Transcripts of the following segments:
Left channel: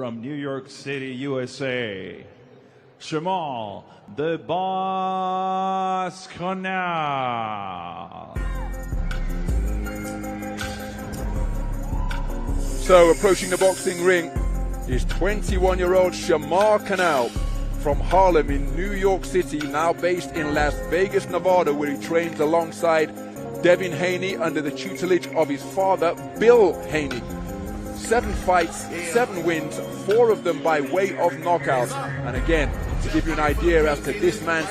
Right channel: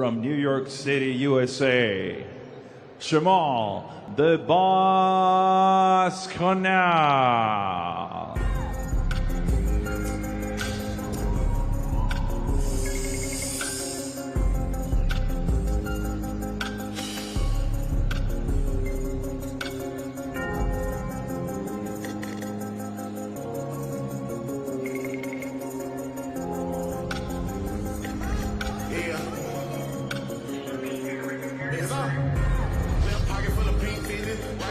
from New York City, USA, Shamar, the Boss Canal. So approaching the boxing ring is 21-year-old Shamar Canal from Harlem in New York City, now based in Las Vegas, Nevada, where he trains alongside Devin Haney under the tutelage of his father, Bill Haney. 7 fights, 7 wins, 4 of them by way of knockouts. And again, to give you an idea as to this man's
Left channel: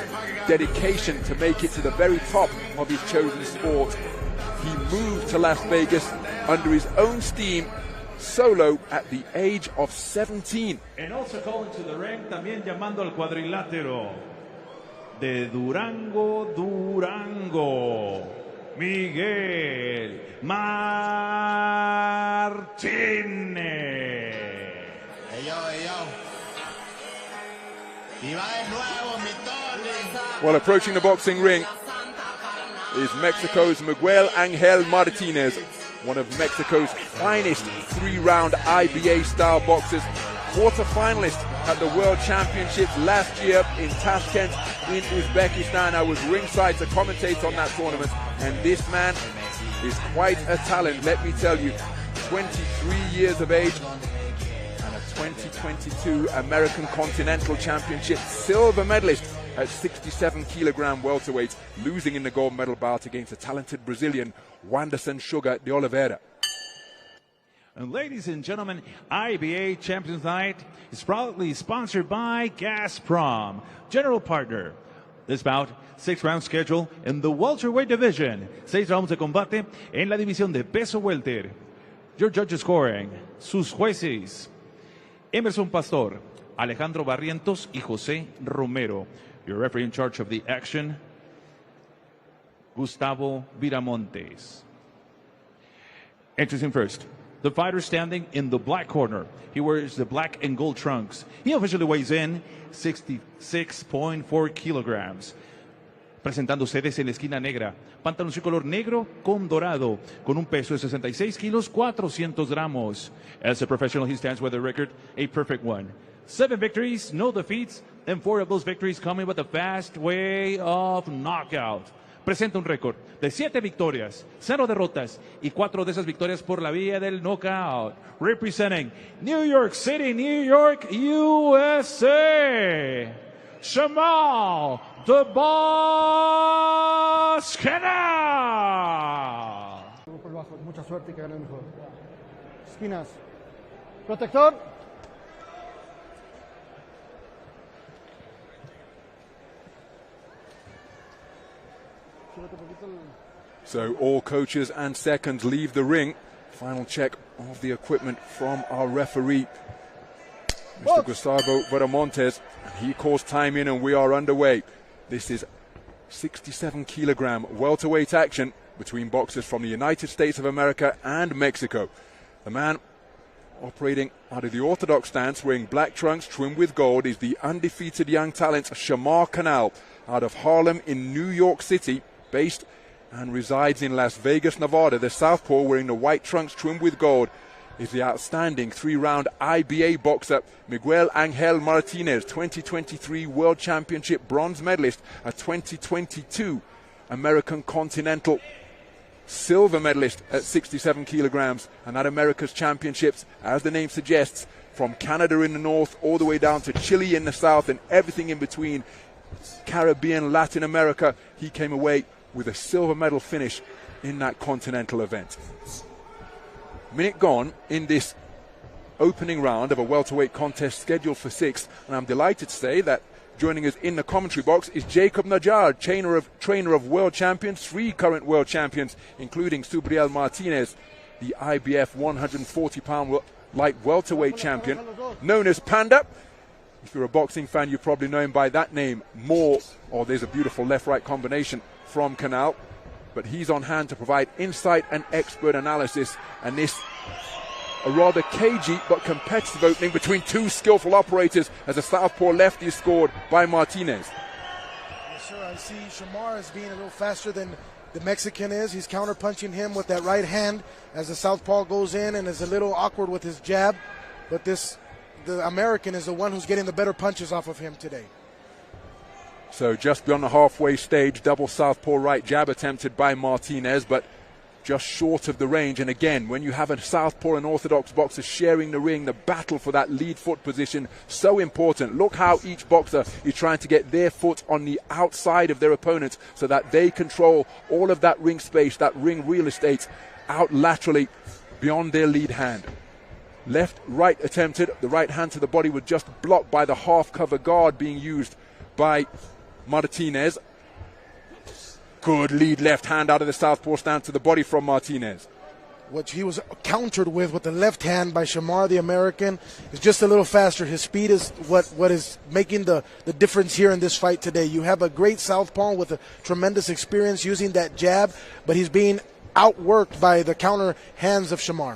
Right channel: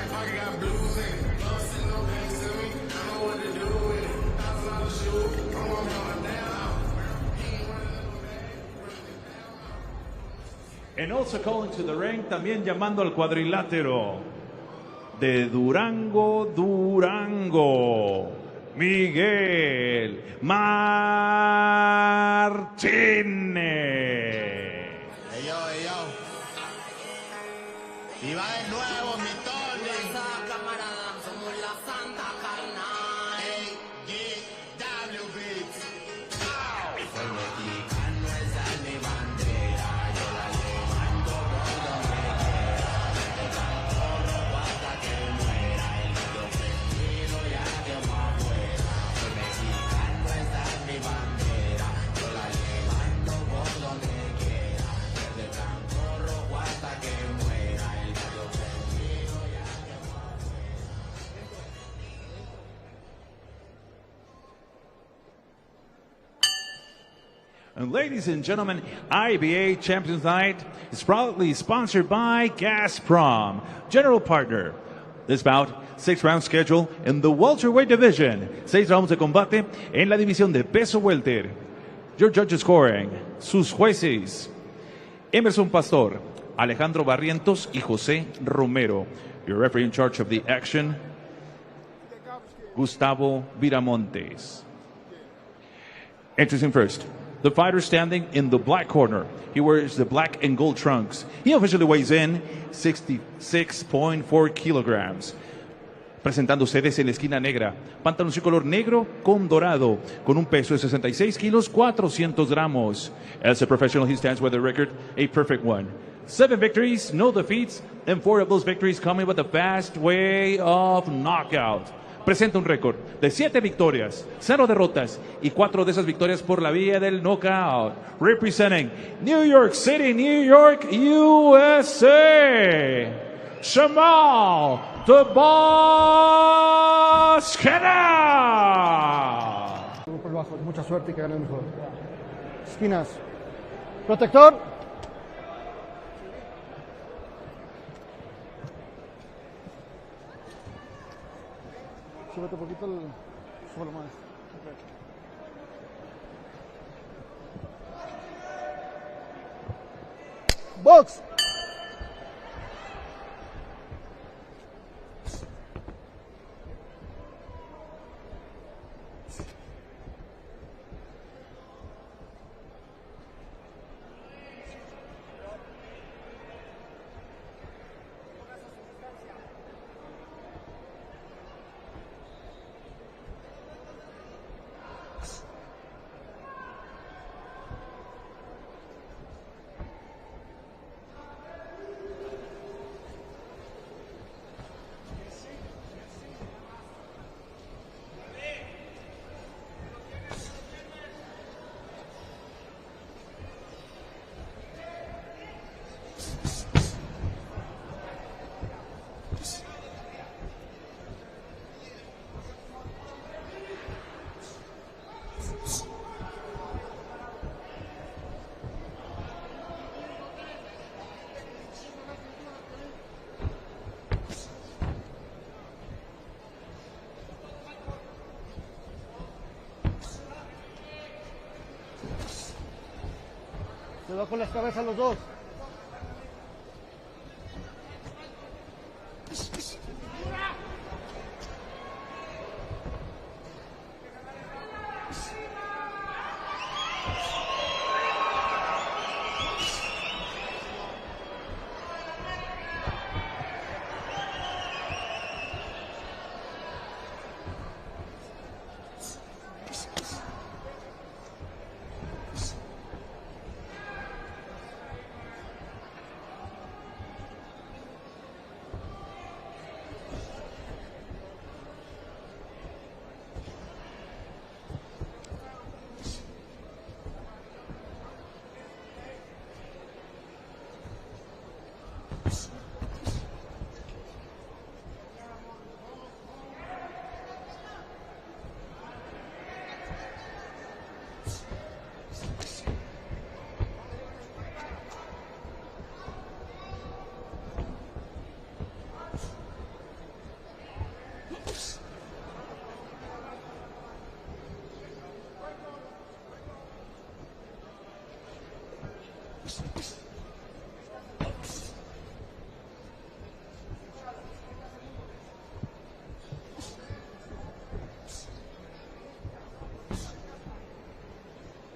dedication to make it to the very top of his chosen sport, he moved to Las Vegas under his own steam, solo at the age of 17. And also calling to the ring, también llamando al cuadrilátero de Durango, Miguel Martínez. Well, approaching the boxing ring is Mexico's Miguel Angel Martinez, one of Mexico's finest 3-round IBA-style boxers, quarter-finalist at the World Championships last year in Tashkent in Uzbekistan. I was ringside to commentate on that tournament, and this man is quite a talent, let me tell you. 23 years of age, 2022 American Continental Championship silver medalist at 67-kilogram welterweight, losing in the gold medal bout against the talented Brazilian Wanderson Sugar de Oliveira. And ladies and gentlemen, IBA Champions Night is proudly sponsored by Gazprom, general partner. This bout, 6-round schedule in the welterweight division. 6 rounds de combate en la división de peso welter. Your judges scoring, sus jueces, Emerson Pastor, Alejandro Barrientos y José Romero. Your referee in charge of the action, Gustavo Viramontes. Introducing first, the fighter standing in the black corner. He wears the black and gold trunks. He officially weighs in 66.4 kilograms. Presentando ustedes en la esquina negra, pantaloncillo color negro con dorado, con un peso de 66 kilos, 400 gramos. As a professional, he stands with a record, a perfect one. 7 victories, no defeats, and 4 of those victories coming with a fast way of knockout. Presenta un récord de 7 victorias, 0 derrotas y 4 de esas victorias por la vía del knockout. Representing New York City, New York, USA, Shamar, the Boss Canal. Mucha suerte y que gane el mejor. Esquinas. Protector. So all coaches and seconds leave the ring. Final check of the equipment from our referee, Gustavo Viramontes. He calls time in and we are underway. This is 67-kilogram welterweight action between boxers from the United States of America and Mexico. The man operating out of the orthodox stance, wearing black trunks trimmed with gold, is the undefeated young talent Shamar Canal out of Harlem in New York City, based and resides in Las Vegas, Nevada. The southpaw, wearing the white trunks trimmed with gold, is the outstanding 3-round IBA boxer Miguel Angel Martinez, 2023 World Championship bronze medalist, a 2022 American Continental silver medalist at 67 kilograms, and at America's Championships, as the name suggests, from Canada in the north all the way down to Chile in the south and everything in between, Caribbean, Latin America, he came away with a silver medal finish in that continental event. Minute gone in this opening round of a welterweight contest scheduled for 6, and I'm delighted to say that joining us in the commentary box is Jacob Najar, trainer of world champions, 3 current world champions, including Subriel Martinez, the IBF 140-pound light welterweight champion, known as Panda. If you're a boxing fan, you probably know him by that name more. Oh, there's a beautiful left-right combination from Canal, but he's on hand to provide insight and expert analysis, and this a rather cagey but competitive opening between 2 skillful operators as a southpaw lefty is scored by Martinez. I see Shamar is being a little faster than the Mexican is. He's counter-punching him with that right hand as the southpaw goes in, and is a little awkward with his jab, but this the American is the one who's getting the better punches off of him today. So just beyond the halfway stage, double southpaw right jab attempted by Martinez, but just short of the range. And again, when you have a southpaw and orthodox boxer sharing the ring, the battle for that lead foot position, so important. Look how each boxer is trying to get their foot on the outside of their opponent so that they control all of that ring space, that ring real estate out laterally beyond their lead hand. Left, right attempted. The right hand to the body was just blocked by the half cover guard being used by Martinez. Good lead left hand out of the southpaw stance to the body from Martinez. What he was countered with the left hand by Shamar, the American, is just a little faster. His speed is what is making the difference here in this fight today. You have a great southpaw with a tremendous experience using that jab, but he's being outworked by the counter hands of Shamar.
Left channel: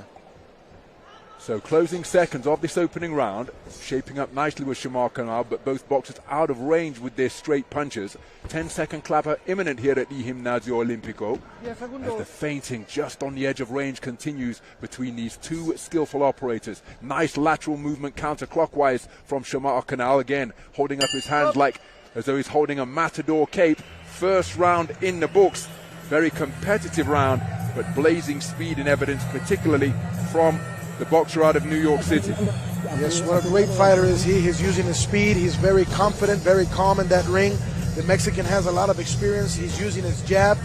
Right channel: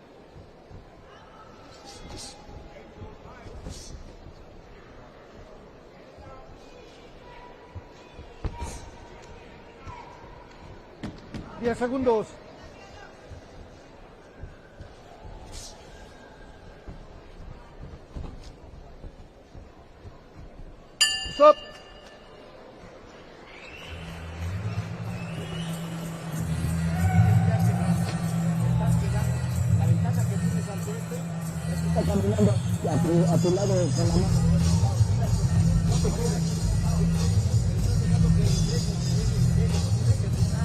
So closing seconds of this opening round, shaping up nicely with Shamar Canal, but both boxers out of range with their straight punches. 10-second clapper imminent here at the Gimnasio Olímpico. 10 segundos. The feinting just on the edge of range continues between these two skillful operators. Nice lateral movement counterclockwise from Shamar Canal, again holding up his hands like as though he's holding a matador cape. First round in the books. Very competitive round, but blazing speed in evidence, particularly from the boxer out of New York City. Yes, what a great fighter is he. He's using his speed. He's very confident, very calm in that ring. The Mexican has a lot of experience. He's using his jab,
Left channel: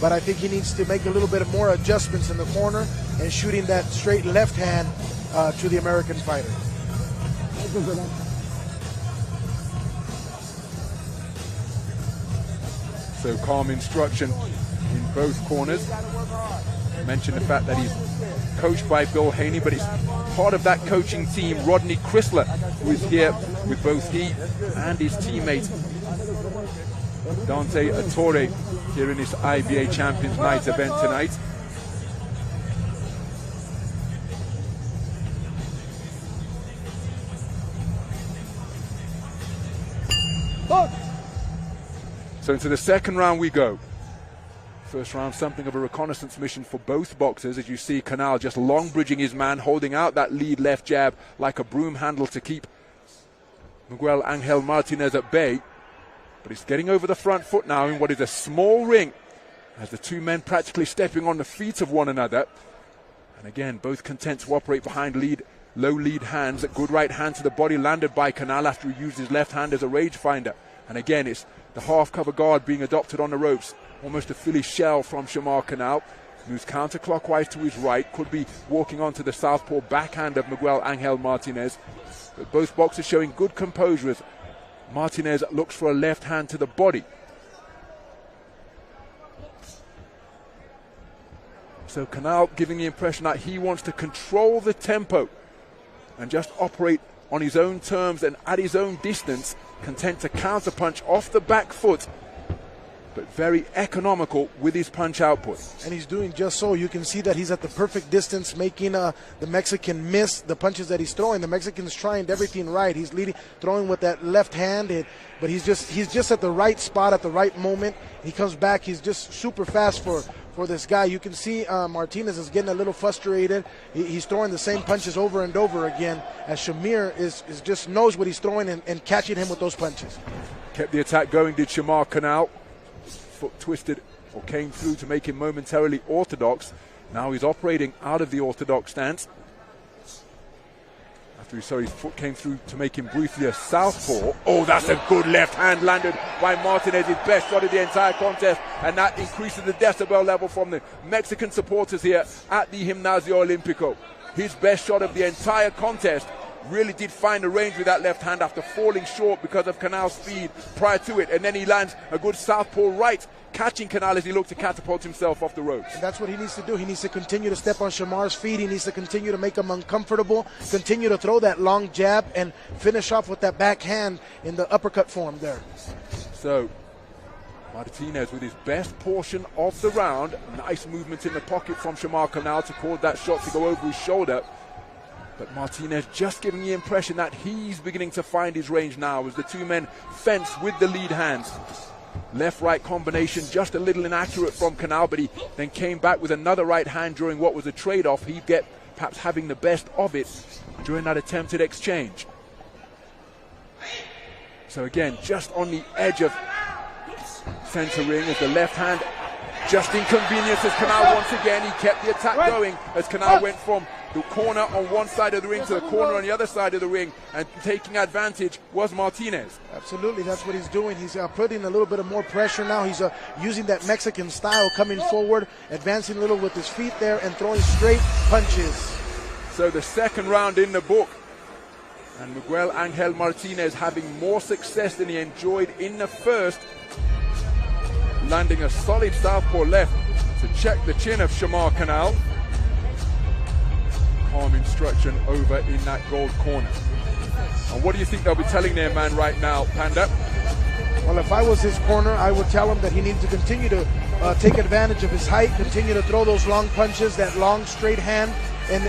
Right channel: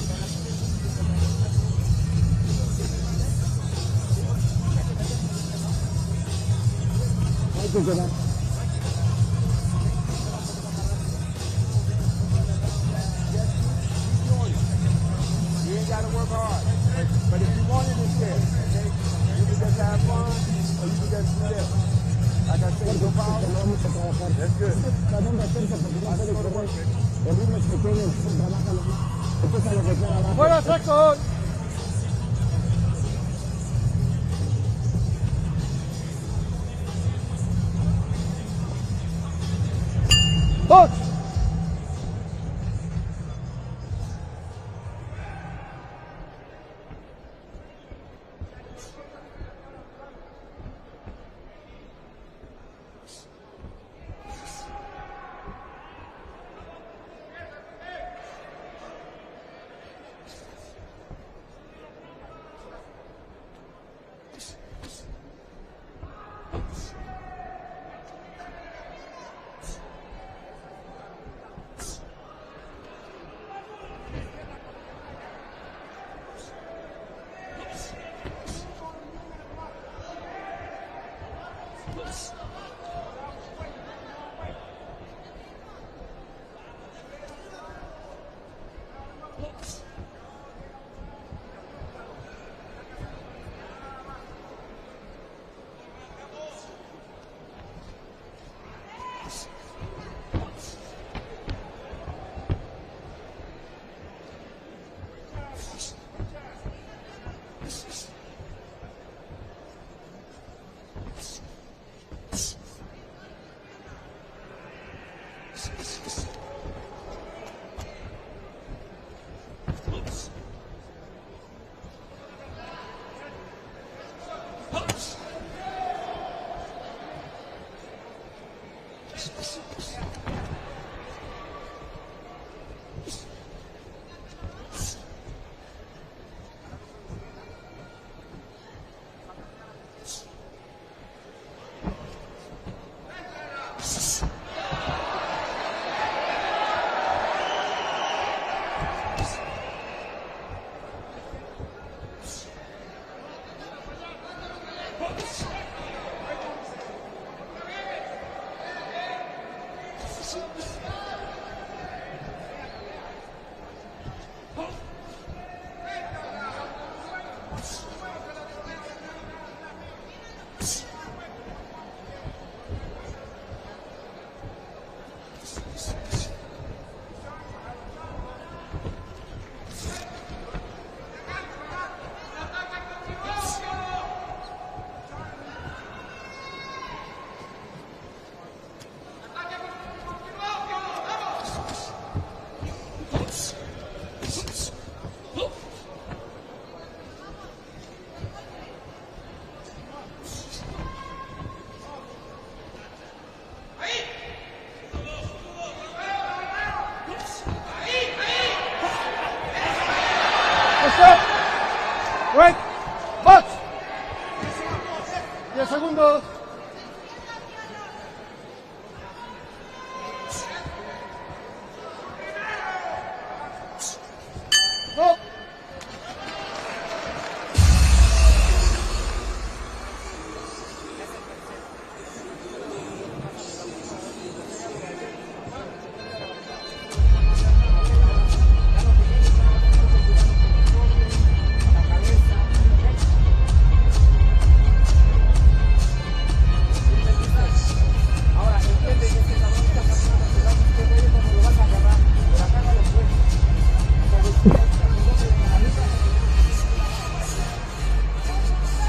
but I think he needs to make a little bit of more adjustments in the corner and shooting that straight left hand to the American fighter. So calm instruction in both corners. I mentioned the fact that he's coached by Bill Haney, but he's part of that coaching team. Rodney Chrysler, who is here with both he and his teammate Dante Torre here in this IBA Champions Night event tonight. So into the second round we go. First round, something of a reconnaissance mission for both boxers, as you see Canal just long bridging his man, holding out that lead left jab like a broom handle to keep Miguel Angel Martinez at bay. But he's getting over the front foot now in what is a small ring, as the two men practically stepping on the feet of one another. And again, both content to operate behind low lead hands. A good right hand to the body landed by Canal after he used his left hand as a rage finder. And again, it's the half cover guard being adopted on the ropes. Almost a Philly shell from Shamar Canal, who's counterclockwise to his right, could be walking onto the southpaw backhand of Miguel Angel Martinez. But both boxers showing good composure as Martinez looks for a left hand to the body. So Canal giving the impression that he wants to control the tempo and just operate on his own terms and at his own distance, content to counterpunch off the back foot, but very economical with his punch output. And he's doing just so. You can see that he's at the perfect distance, making the Mexican miss the punches that he's throwing. The Mexican's trying everything right. He's leading, throwing with that left hand, but he's just at the right spot at the right moment. He comes back. He's just super fast for this guy. You can see Martinez is getting a little frustrated. He's throwing the same punches over and over again, as Shamir is just knows what he's throwing and catching him with those punches. Kept the attack going, did Shamar Canal. Foot twisted or came through to make him momentarily orthodox. Now he's operating out of the orthodox stance. Sorry, his foot came through to make him briefly a southpaw. Oh, that's a good left hand landed by Martinez, his best shot of the entire contest, and that increases the decibel level from the Mexican supporters here at the Gimnasio Olímpico. His best shot of the entire contest. Really did find the range with that left hand after falling short because of Canal's speed prior to it, and then he lands a good southpaw right, catching Canal as he looked to catapult himself off the ropes. That's what he needs to do. He needs to continue to step on Shamar's feet. He needs to continue to make him uncomfortable, continue to throw that long jab, and finish off with that backhand in the uppercut form there. So Martinez with his best portion of the round. Nice movement in the pocket from Shamar Canal to cause that shot to go over his shoulder. But Martinez just giving the impression that he's beginning to find his range now as the two men fence with the lead hands. Left-right combination just a little inaccurate from Canal, but he then came back with another right hand during what was a trade-off. He'd get perhaps having the best of it during that attempted exchange. So again, just on the edge of center ring with the left hand, just inconvenient as Canal once again. He kept the attack going as Canal went from the corner on one side of the ring to a corner on the other side of the ring, and taking advantage was Martinez. Absolutely, that's what he's doing. He's putting a little bit of more pressure now. He's using that Mexican style, coming forward, advancing a little with his feet there, and throwing straight punches. So the second round in the book. And Miguel Angel Martinez having more success than he enjoyed in the first. Landing a solid southpaw left to check the chin of Shamar Canal. On instruction over in that gold corner. And what do you think they'll be telling their man right now, Panda? Well, if I was his corner, I would tell him that he needs to continue to take advantage of his height, continue to throw those long punches, that long straight hand,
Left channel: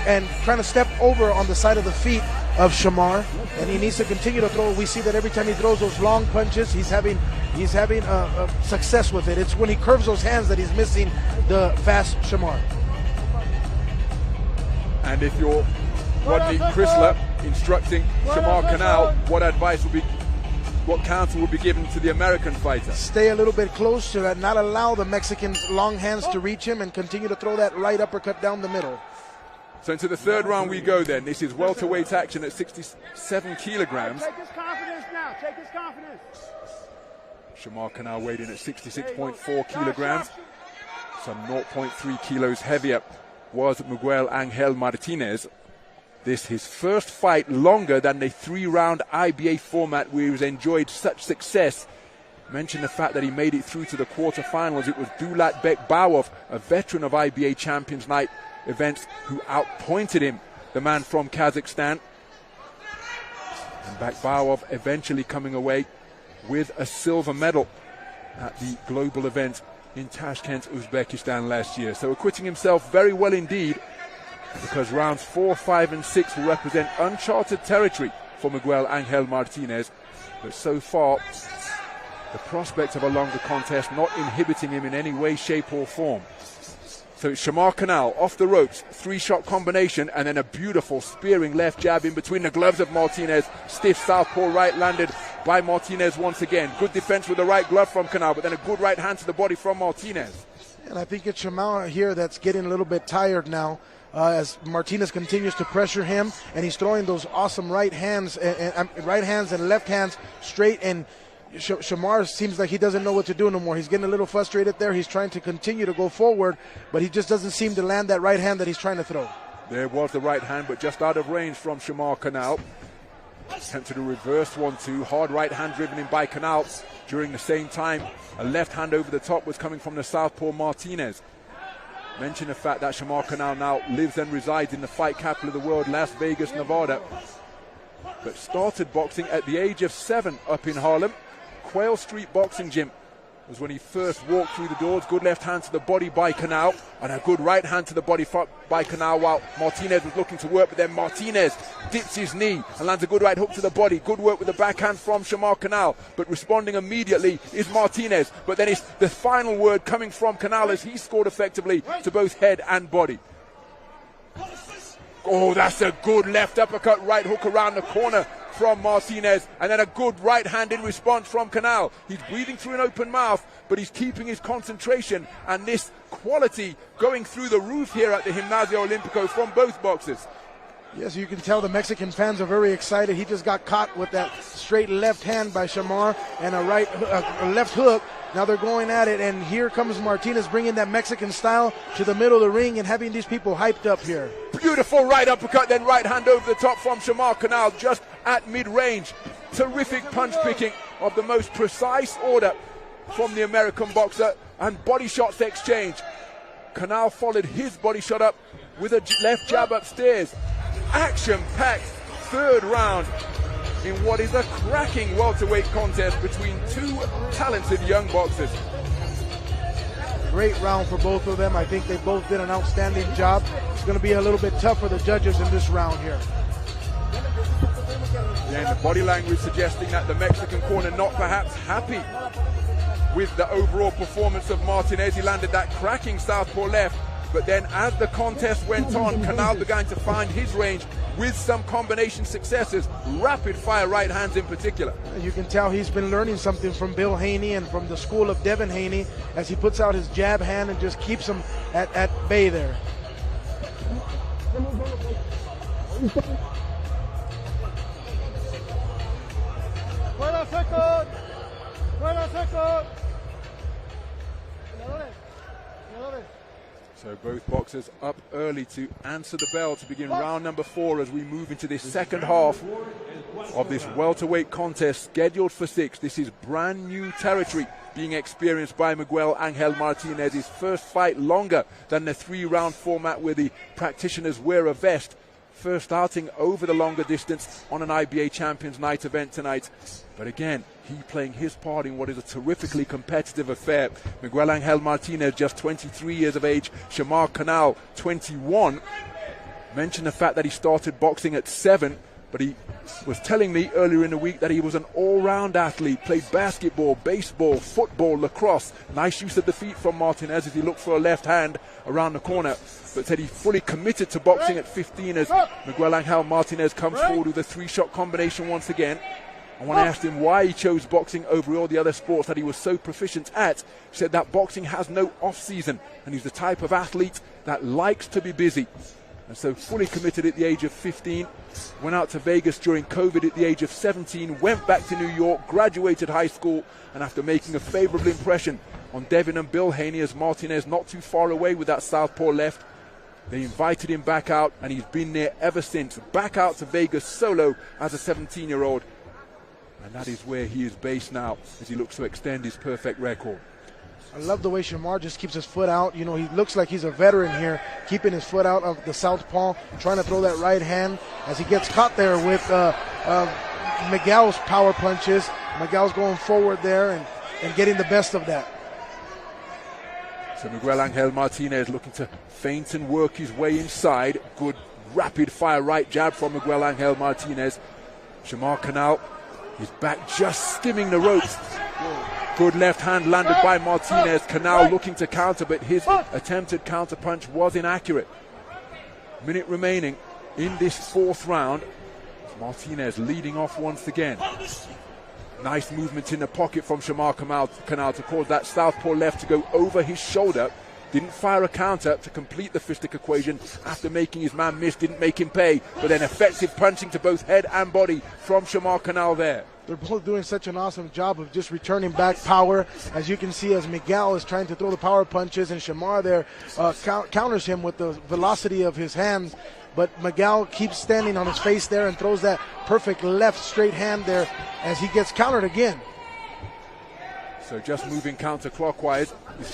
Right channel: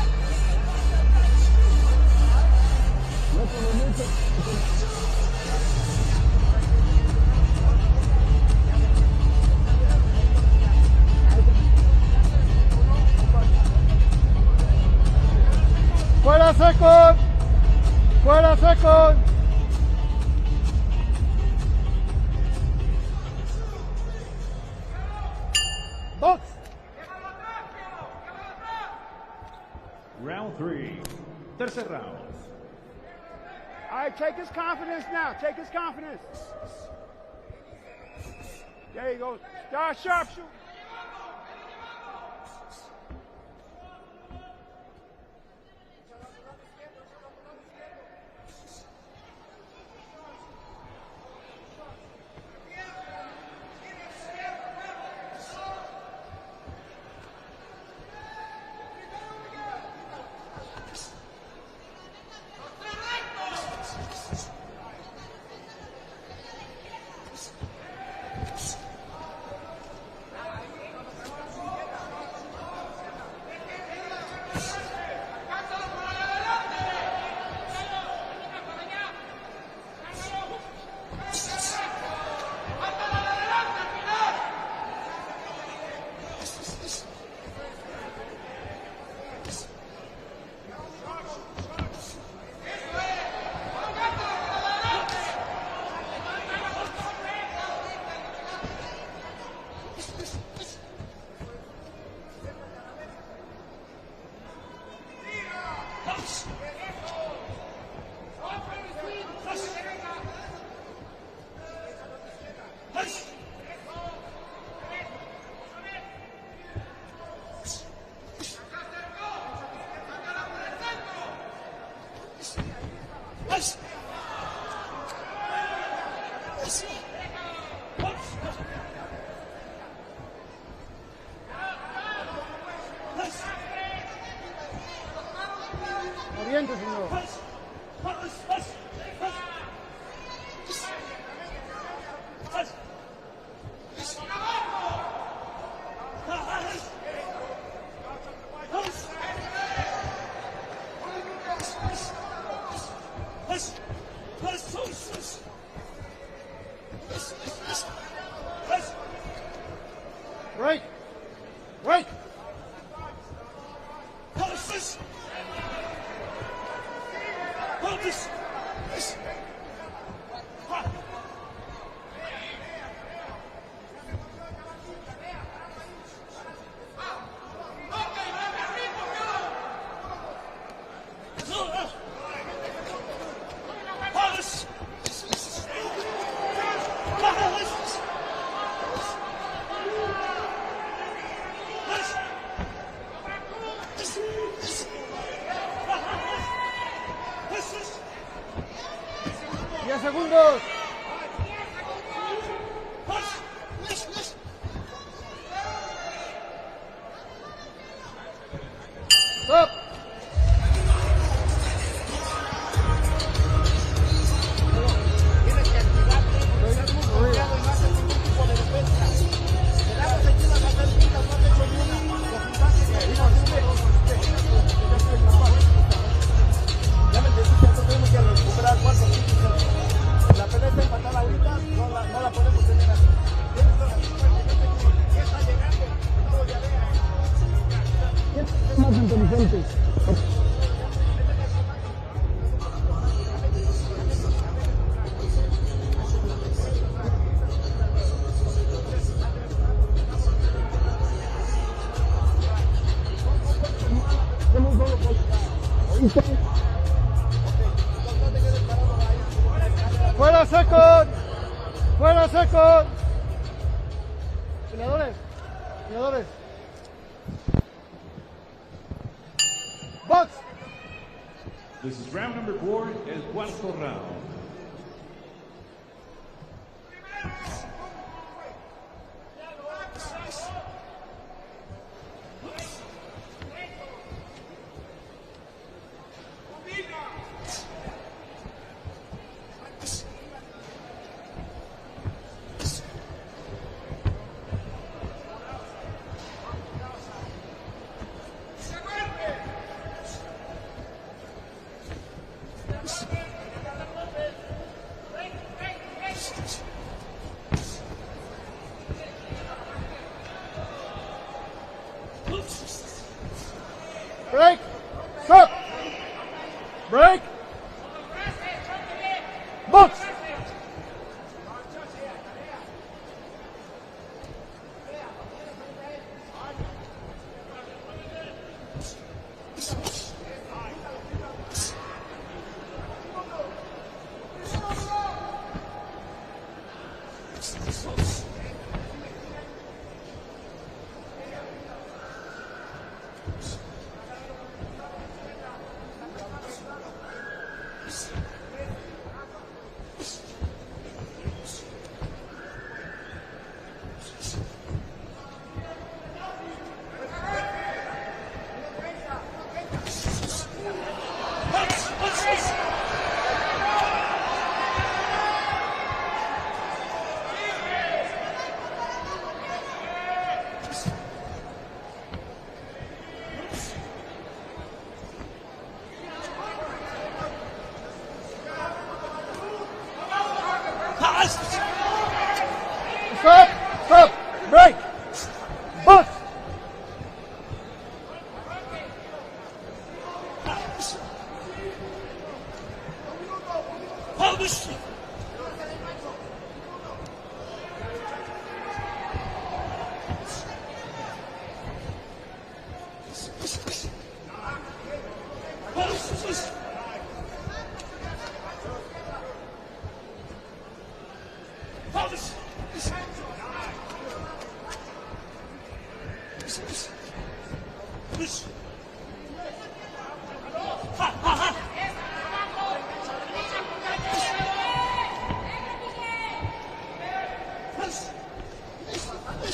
and trying to step over on the side of the feet of Shamar. And he needs to continue to throw. We see that every time he throws those long punches, he's having success with it. It's when he curves those hands that he's missing the fast Shamar. And if you're Chrysler instructing Shamar Canal, what advice would be, what counsel would be given to the American fighter? Stay a little bit close to that, not allow the Mexican long hands to reach him, and continue to throw that right uppercut down the middle. So into the third round we go then. This is welterweight action at 67 kilograms. Take his confidence now. Take his confidence. Shamar Canal weighed in at 66.4 kilograms. Some 0.3 kilos heavier was Miguel Angel Martinez. This his first fight longer than the 3-round IBA format where he's enjoyed such success. Mention the fact that he made it through to the quarterfinals. It was Dulat Bekbawov, a veteran of IBA Champions Night events, who outpointed him, the man from Kazakhstan. Bekbawov eventually coming away with a silver medal at the global event in Tashkent, Uzbekistan last year. So acquitting himself very well indeed, because rounds 4, 5 and 6 will represent uncharted territory for Miguel Angel Martinez. But so far, the prospect of a longer contest not inhibiting him in any way, shape or form. So it's Shamar Canal off the ropes, 3-shot combination, and then a beautiful spearing left jab in between the gloves of Martinez. Stiff southpaw right landed by Martinez once again. Good defense with the right glove from Canal, but then a good right hand to the body from Martinez. And I think it's Shamar here that's getting a little bit tired now, as Martinez continues to pressure him, and he's throwing those awesome right hands and left hands straight, and Shamar seems like he doesn't know what to do no more. He's getting a little frustrated there. He's trying to continue to go forward, but he just doesn't seem to land that right hand that he's trying to throw. There was the right hand, but just out of range from Shamar Canal. Attempted a reverse 1-2, hard right hand driven in by Canal. During the same time, a left hand over the top was coming from the southpaw Martinez. Mention the fact that Shamar Canal now lives and resides in the fight capital of the world, Las Vegas, Nevada. But started boxing at the age of 7 up in Harlem. Quail Street Boxing Gym was when he first walked through the doors. Good left hand to the body by Canal, and a good right hand to the body by Canal while Martinez was looking to work, but then Martinez dips his knee and lands a good right hook to the body. Good work with the backhand from Shamar Canal, but responding immediately is Martinez. But then it's the final word coming from Canal as he scored effectively to both head and body. Oh, that's a good left uppercut, right hook around the corner from Martinez, and then a good right hand in response from Canal. He's breathing through an open mouth, but he's keeping his concentration, and this quality going through the roof here at the Gimnasio Olímpico from both boxers. Yes, you can tell the Mexican fans are very excited. He just got caught with that straight left hand by Shamar and a left hook. Now they're going at it, and here comes Martinez bringing that Mexican style to the middle of the ring and having these people hyped up here. Beautiful right uppercut, then right hand over the top from Shamar Canal just at mid-range. Terrific punch picking of the most precise order from the American boxer, and body shots exchange. Canal followed his body shot up with a left jab upstairs. Action-packed third round in what is a cracking welterweight contest between two talented young boxers. Great round for both of them. I think they both did an outstanding job. It's going to be a little bit tough for the judges in this round here. Body language suggesting that the Mexican corner not perhaps happy with the overall performance of Martinez. He landed that cracking southpaw left, but then as the contest went on, Canal began to find his range with some combination successes, rapid-fire right hands in particular. And you can tell he's been learning something from Bill Haney and from the school of Devin Haney as he puts out his jab hand and just keeps him at bay there. Fuera second. Fuera second. Peleadores. Peleadores. So both boxers up early to answer the bell to begin round number 4 as we move into this second half of this welterweight contest scheduled for 6. This is brand new territory being experienced by Miguel Angel Martinez. His first fight longer than the 3-round format where the practitioners wear a vest. First starting over the longer distance on an IBA Champions Night event tonight. But again, he playing his part in what is a terrifically competitive affair. Miguel Angel Martinez, just 23 years of age. Shamar Canal, 21. Mentioned the fact that he started boxing at 7, but he was telling me earlier in the week that he was an all-round athlete, played basketball, baseball, football, lacrosse. Nice use of the feet from Martinez as he looked for a left hand around the corner, but said he fully committed to boxing at 15 as Miguel Angel Martinez comes forward with a 3-shot combination once again. And when I asked him why he chose boxing over all the other sports that he was so proficient at, he said that boxing has no off-season, and he's the type of athlete that likes to be busy. And so fully committed at the age of 15, went out to Vegas during COVID at the age of 17, went back to New York, graduated high school, and after making a favorable impression on Devin and Bill Haney as Martinez not too far away with that southpaw left, they invited him back out, and he's been there ever since. Back out to Vegas solo as a 17-year-old. And that is where he is based now as he looks to extend his perfect record. I love the way Shamar just keeps his foot out. You know, he looks like he's a veteran here, keeping his foot out of the southpaw, trying to throw that right hand as he gets caught there with Miguel's power punches. Miguel's going forward there and getting the best of that. So Miguel Angel Martinez looking to feint and work his way inside. Good rapid-fire right jab from Miguel Angel Martinez. Shamar Canal is back just skimming the ropes. Good left hand landed by Martinez. Canal looking to counter, but his attempted counter punch was inaccurate. Minute remaining in this 4th round. Martinez leading off once again. Nice movement in the pocket from Shamar Canal to cause that southpaw left to go over his shoulder. Didn't fire a counter to complete the fistic equation after making his man miss, didn't make him pay. But then effective punching to both head and body from Shamar Canal there. They're both doing such an awesome job of just returning back power. As you can see, as Miguel is trying to throw the power punches, and Shamar there counters him with the velocity of his hand. But Miguel keeps standing on his face there and throws that perfect left straight hand there as he gets countered again. So just moving counterclockwise,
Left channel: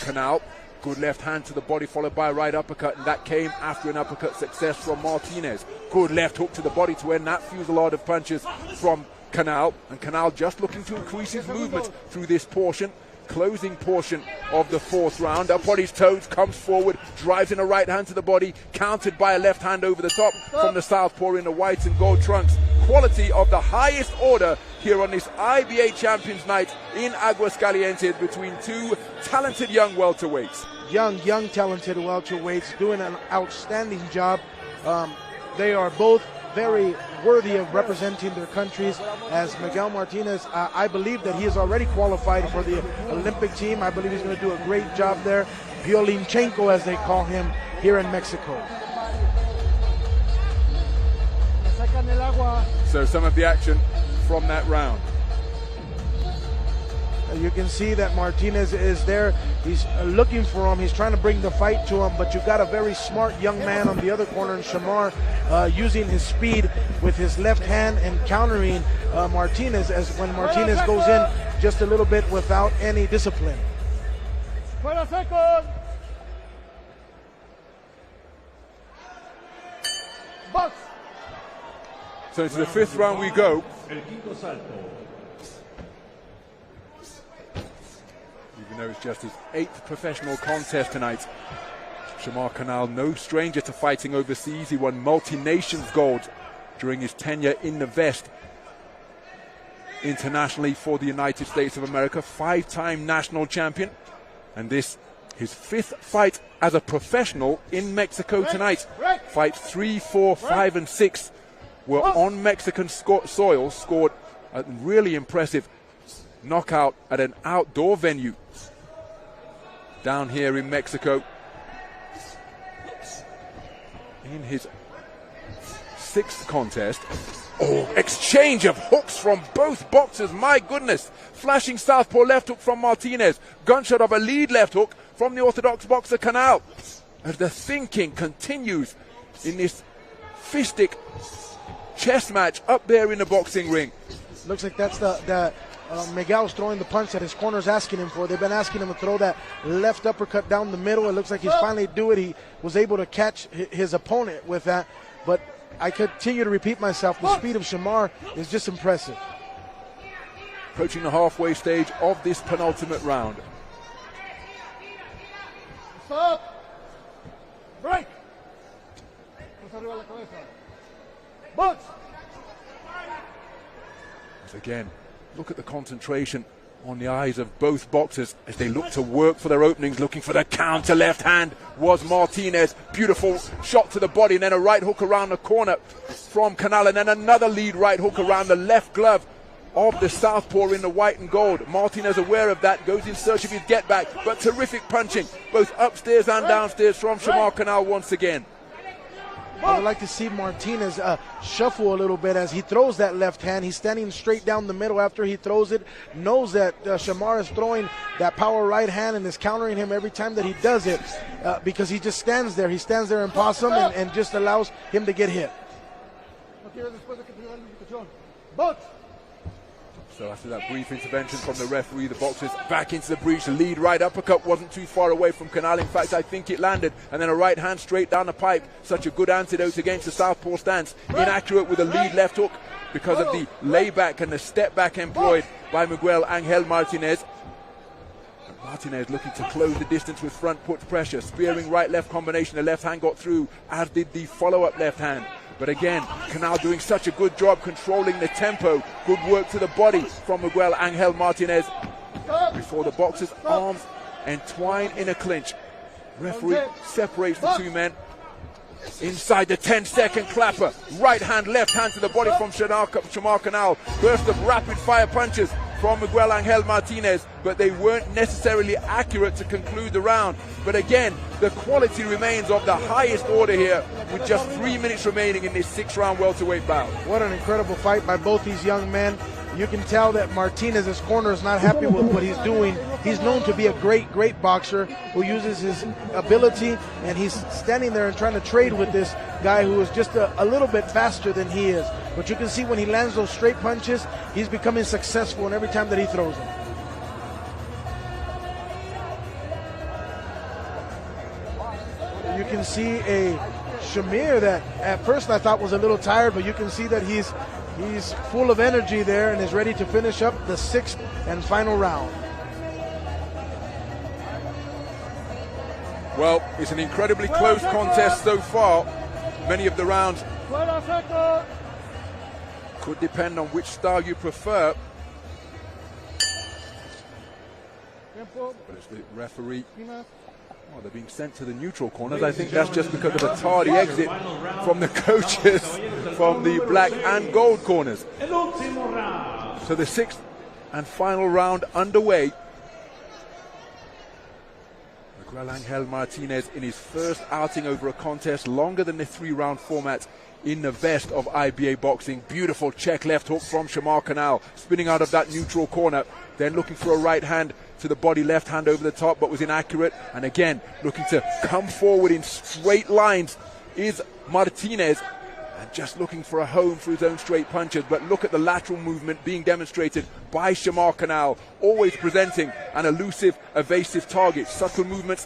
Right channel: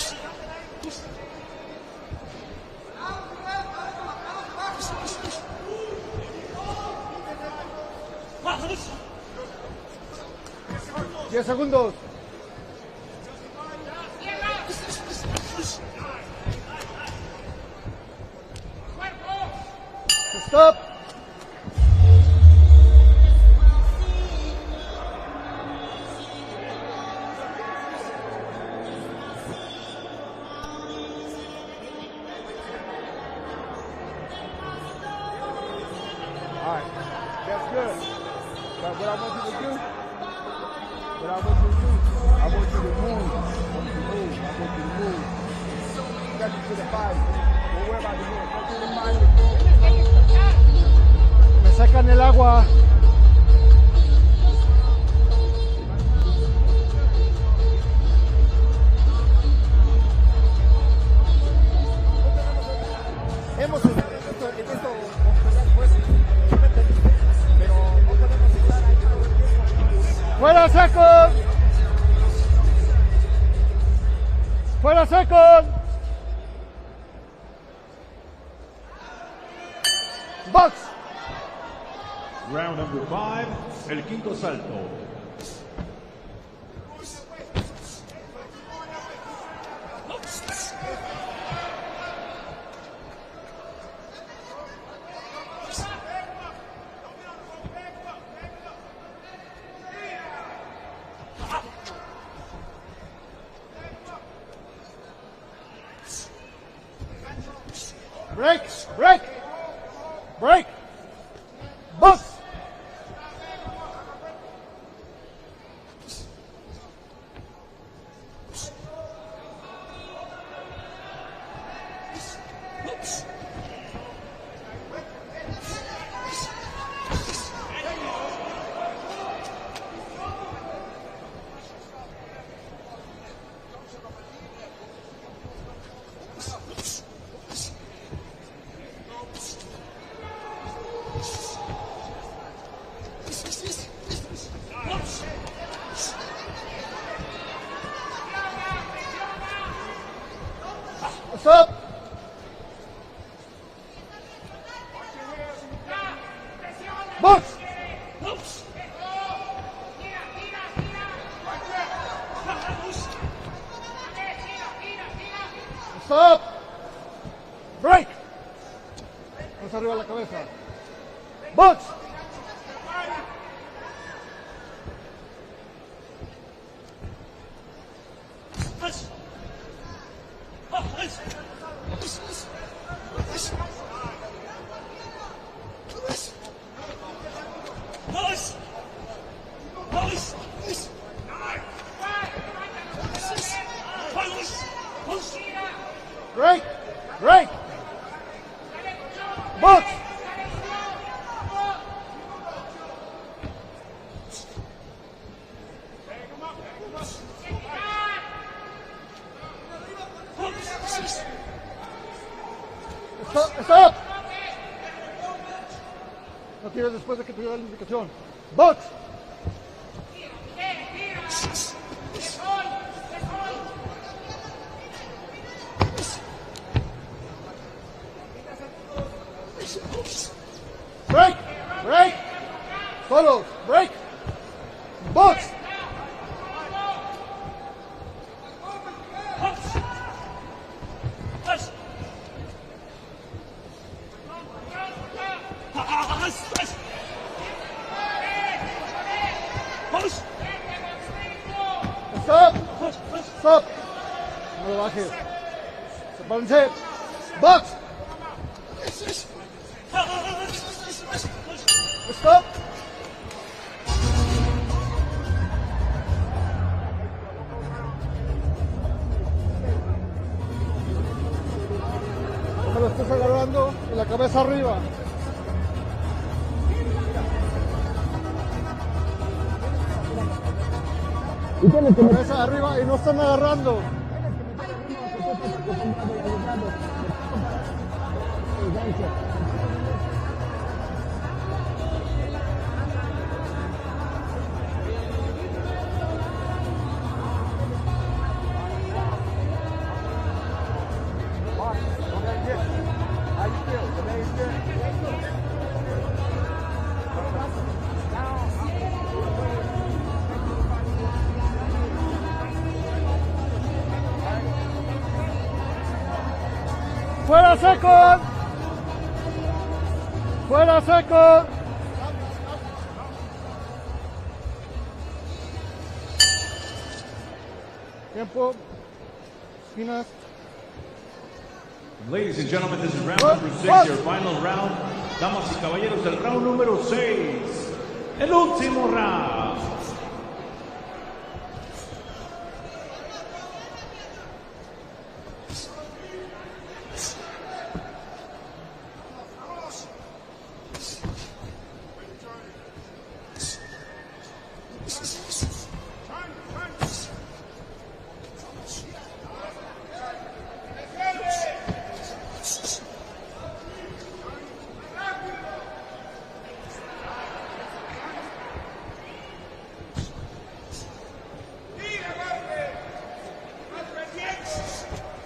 Canal. Good left hand to the body followed by a right uppercut, and that came after an uppercut success from Martinez. Good left hook to the body to end that fusillade of punches from Canal, and Canal just looking to increase his movement through this portion, closing portion of the 4th round. Up on his toes, comes forward, drives in a right hand to the body, countered by a left hand over the top from the southpaw in the white and gold trunks. Quality of the highest order here on this IBA Champions Night in Aguascalientes between 2 talented young welterweights. Young, talented welterweights doing an outstanding job. They are both very worthy of representing their countries. As Miguel Martinez, I believe that he is already qualified for the Olympic team. I believe he's going to do a great job there. Violinchenko, as they call him, here in Mexico. Me sacan el agua. So some of the action from that round. You can see that Martinez is there. He's looking for him. He's trying to bring the fight to him, but you've got a very smart young man on the other corner, Shamar, using his speed with his left hand and countering Martinez as when Martinez goes in just a little bit without any discipline. Fuera second. Box. So to the 5th round we go. El quinto salto. It's just his 8th professional contest tonight. Shamar Canal, no stranger to fighting overseas. He won multi-nations gold during his tenure in the vest internationally for the United States of America. 5-time national champion. And this His 5th fight as a professional in Mexico Break. tonight. Break. Fights 3, 4, Break. 5, and 6 were on Mexican soil. Scored a really impressive knockout at an outdoor venue down here in Mexico. In his 6th contest. Oh, exchange of hooks from both boxers, my goodness. Flashing southpaw left hook from Martinez. Gunshot of a lead left hook from the orthodox boxer Canal. As the thinking continues in this fistic chess match up there in the boxing ring. Looks like that's the Miguel's throwing the punch that his corner's asking him for. They've been asking him to throw that left uppercut down the middle. It looks like he finally do it. He was able to catch his opponent with that. But I continue to repeat myself. The speed of Shamar was just impressive. Approaching the halfway stage of this penultimate round. Stop. Break. Más arriba la cabeza. Box. Again, look at the concentration on the eyes of both boxers as they look to work for their openings, looking for the counter left hand was Martinez. Beautiful shot to the body, and then a right hook around the corner from Canal, and then another lead right hook around the left glove of the southpaw in the white and gold. Martinez, aware of that, goes in search of his get back, but terrific punching, both upstairs and downstairs from Shamar Canal once again. I'd like to see Martinez shuffle a little bit as he throws that left hand. He's standing straight down the middle after he throws it. Knows that Shamar is throwing that power right hand and is countering him every time that he does it because he just stands there. He stands there in possum and just allows him to get hit. No tires después de que te dé la indicación. Box. So after that brief intervention from the referee, the boxers back into the breach. The lead right uppercut wasn't too far away from Canal. In fact, I think it landed. And then a right hand straight down the pipe. Such a good antidote against the southpaw stance. Inaccurate with a lead left hook because of the layback and the step back employed by Miguel Angel Martinez. Martinez looking to close the distance with front foot pressure. Spearing right-left combination. The left hand got through, as did the follow-up left hand. But again, Canal doing such a good job controlling the tempo. Good work to the body from Miguel Angel Martinez. Before the boxers' arms entwined in a clinch. Referee separates the two men. Inside the 10-second clapper. Right hand, left hand to the body from Shamar Canal. Burst of rapid-fire punches from Miguel Angel Martinez, but they weren't necessarily accurate to conclude the round. But again, the quality remains of the highest order here. With just 3 minutes remaining in this 6-round welterweight bout. What an incredible fight by both these young men. You can tell that Martinez's corner is not happy with what he's doing. He's known to be a great boxer who uses his ability, and he's standing there and trying to trade with this guy who is just a little bit faster than he is. But you can see when he lands those straight punches, he's becoming successful in every time that he throws it. You can see a Shamir that at first I thought was a little tired, but you can see that he's full of energy there and is ready to finish up the 6th and final round. Well, it's an incredibly close contest so far. Many of the rounds would depend on which style you prefer. Tiempo. The referee Esquinas. being sent to the neutral corner. Ladies and gentlemen, just this because round it's is your final round. from the coaches from the black and gold corners. El último round. So the 6th and final round underway. Miguel Angel Martinez in his first outing over a contest longer than the 3-round format in the best of IBA boxing. Beautiful check left hook from Shamar Canal, spinning out of that neutral corner, then looking for a right hand to the body, left hand over the top, but was inaccurate. And again, looking to come forward in straight lines is Martinez, just looking for a home through his own straight punches. But look at the lateral movement being demonstrated by Shamar Canal, always presenting an elusive, evasive target. Subtle movements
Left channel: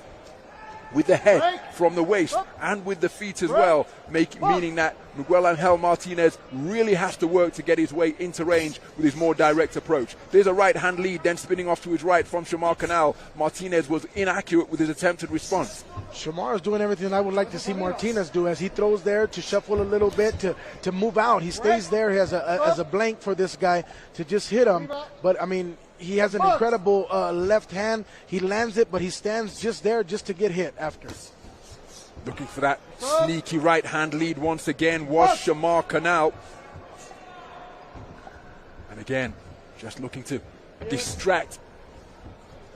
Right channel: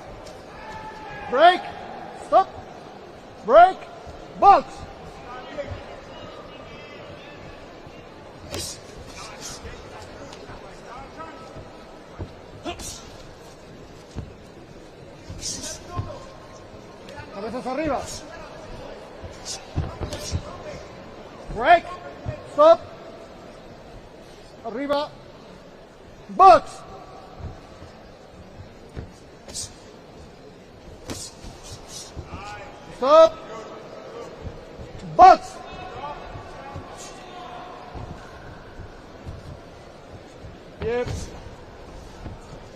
with the head from the waist and with the feet as well, meaning that Miguel Angel Martinez really has to work to get his way into range with his more direct approach. There's a right hand lead, then spinning off to his right from Shamar Canal. Martinez was inaccurate with his attempted response. Shamar is doing everything I would like to see Martinez do, as he throws there to shuffle a little bit, to move out. He stays there, he has a blank for this guy to just hit him. But I mean, he has an Box. incredible left hand. He lands it, but he stands just there just to get hit after. Looking for that Stop. sneaky right hand lead once again was Box. Shamar Canal. And again, just looking to distract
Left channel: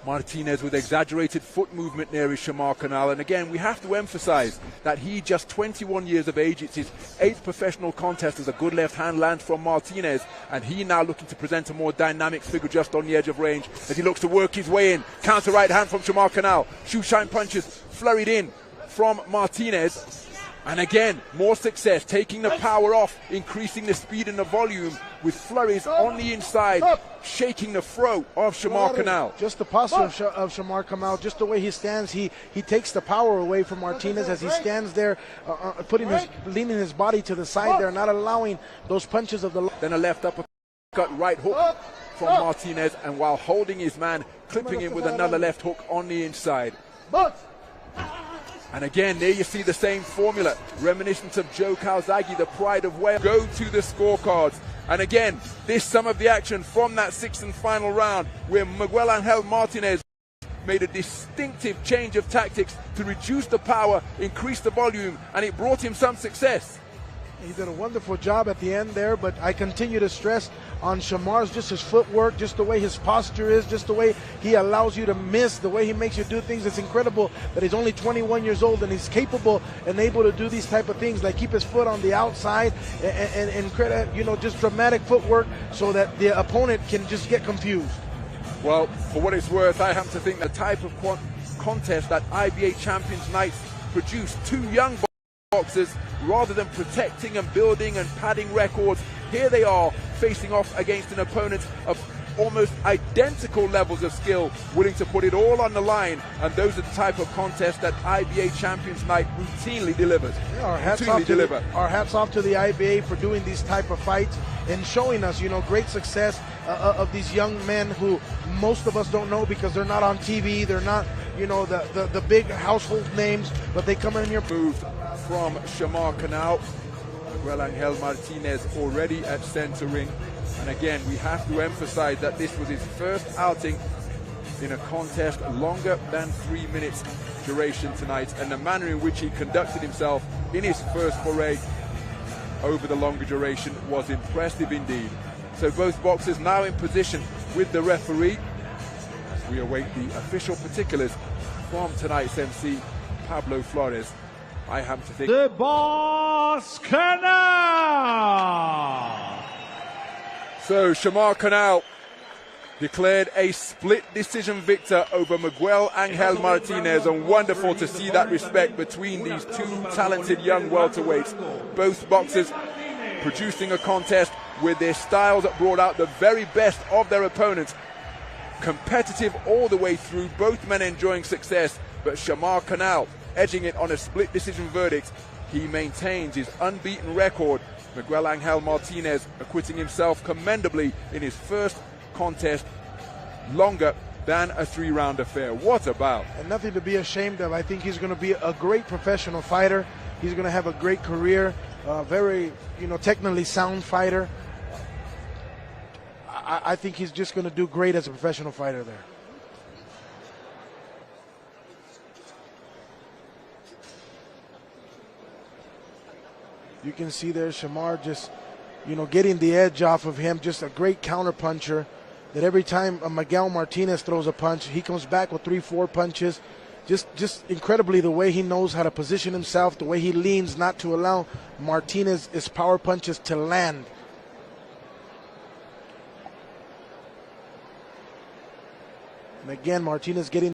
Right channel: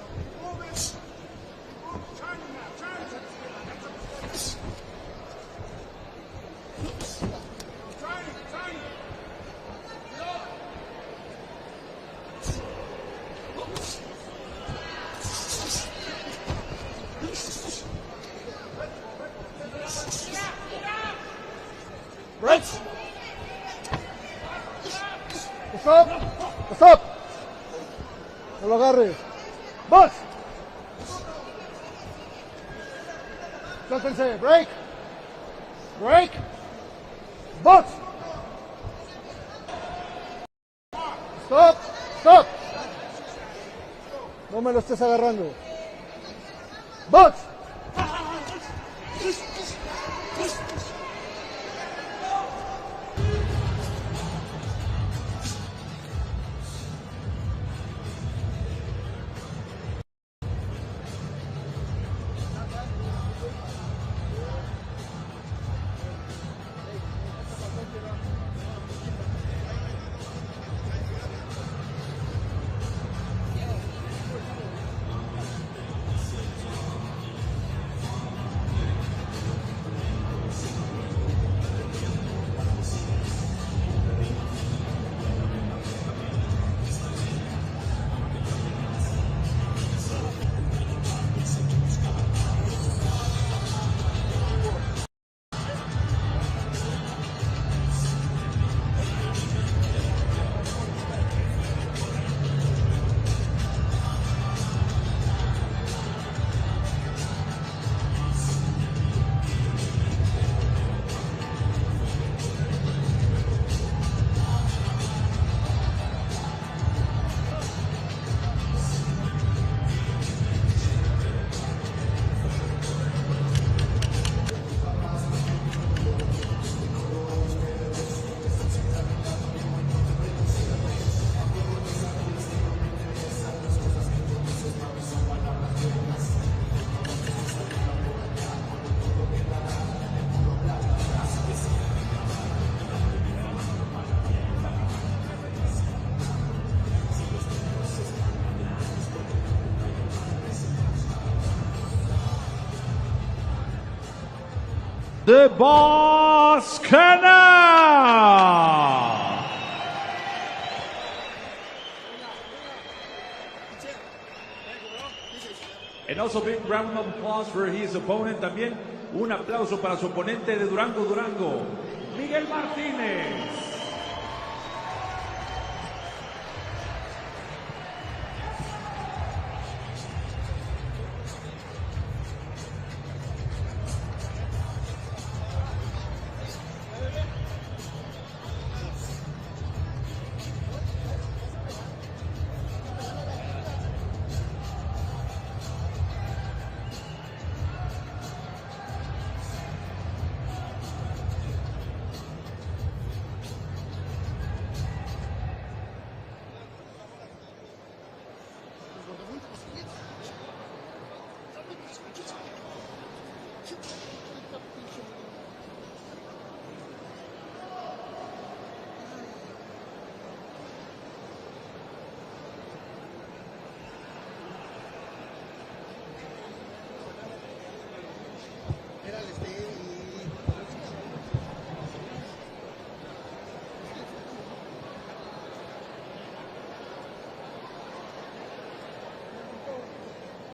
Martinez with exaggerated foot movement there is Shamar Canal. And again, we have to emphasize that he, just 21 years of age, it's his 8th professional contest as a good left hand lands from Martinez, and he now looking to present a more dynamic figure just on the edge of range as he looks to work his way in. Counter right hand from Shamar Canal. Shoe shine punches flurried in from Martinez. And again, more success, taking the power off, increasing the speed and the volume with flurries on the inside, shaking the throat of Shamar Canal. Just the posture of Shamar Canal, just the way he stands, he takes the power away from Martinez as he stands there, leaning his body to the side there, not allowing those punches of the... Then a left uppercut, right hook from Martinez, and while holding his man, clipping him with another left hook on the inside. And again, there you see the same formula, reminiscent of Joe Calzaghe, the pride of Wales. Go to the scorecards. And again, this some of the action from that 6th and final round, where Miguel Angel Martinez made a distinctive change of tactics to reduce the power, increase the volume, and it brought him some success. He did a wonderful job at the end there, but I continue to stress on Shamar's, just his footwork, just the way his posture is, just the way he allows you to miss, the way he makes you do things. It's incredible that he's only 21 years old and he's capable and able to do these type of things, like keep his foot on the outside and you know, just dramatic footwork so that the opponent can just get confused. Well, for what it's worth, I have to think the type of contest that IBA Champions Night produced, 2 young boxers, rather than protecting and building and padding records, here they are facing off against an opponent of almost identical levels of skill, willing to put it all on the line, and those are the type of contests that IBA Champions Night routinely delivers. Our hats off to the IBA for doing these type of fights and showing us, you know, great success of these young men who most of us don't know because they're not on TV, they're not, you know, the big household names, but they come in here. Move from Shamar Canal. Miguel Angel Martinez already at center ring. And again, we have to emphasize that this was his first outing in a contest longer than 3 minutes duration tonight, and the manner in which he conducted himself in his first foray over the longer duration was impressive indeed. So both boxers now in position with the referee. We await the official particulars from tonight's MC, Pablo Flores. I have to think the boss Canal. So Shamar Canal declared a split decision victor over Miguel Angel Martinez, and wonderful to see that respect between these 2 talented young welterweights. Both boxers producing a contest with their styles that brought out the very best of their opponents. Competitive all the way through, both men enjoying success, but Shamar Canal edging it on a split decision verdict. He maintains his unbeaten record. Miguel Angel Martinez acquitting himself commendably in his first contest longer than a 3-round affair. What about? And nothing to be ashamed of. I think he's going to be a great professional fighter. He's going to have a great career, very, you know, technically sound fighter. I think he's just going to do great as a professional fighter there. You can see there Shamar just, you know, getting the edge off of him. Just a great counter puncher that every time Miguel Martinez throws a punch, he comes back with 3-4 punches. Just incredibly the way he knows how to position himself, the way he leans not to allow Martinez's power punches to land. And again, Martinez getting